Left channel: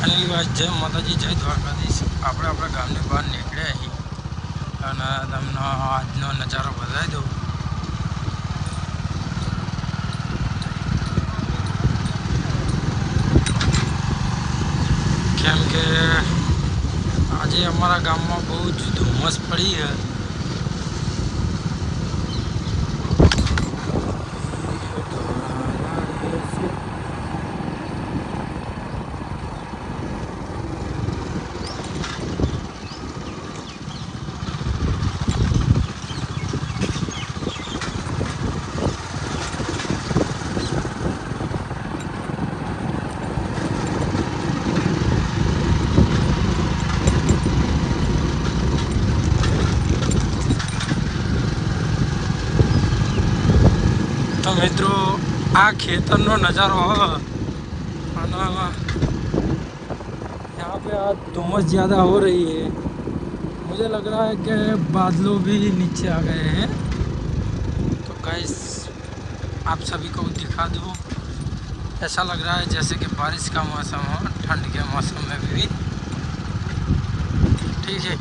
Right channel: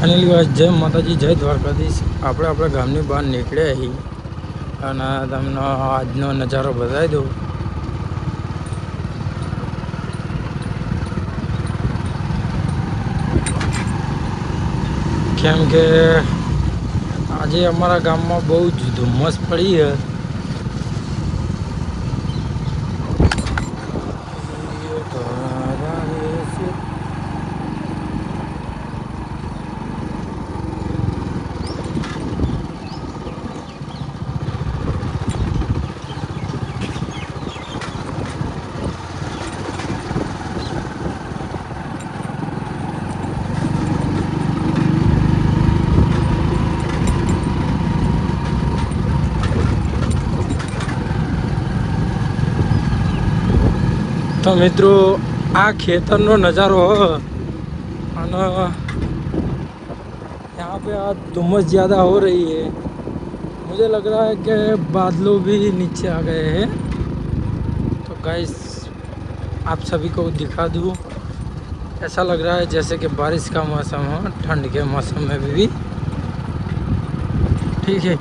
Finally जय माताजी जय द्वारकाधीश આપણે આપણા ગામની બહાર નીકળ્યા છીએ અને તમને આજનો નજારો બતાવી દઉં। કેમ કે આજે અમારા ગામમાં બહુ જ ધુમ્મસ પડી છે। तो मित्रों आ खेतर नो नज़ारो हो और यहाँ पे आज धुम्मस ज़्यादा हो रही है। मुझे लग रहा है कि बादलों भी नीचे आ गए हैं। तो गाइस आप सभी को दिखा दूँ, ऐसा लग रहा है जैसे कि बारिश का मौसम हो, ठंड के मौसम में भी ठीक है।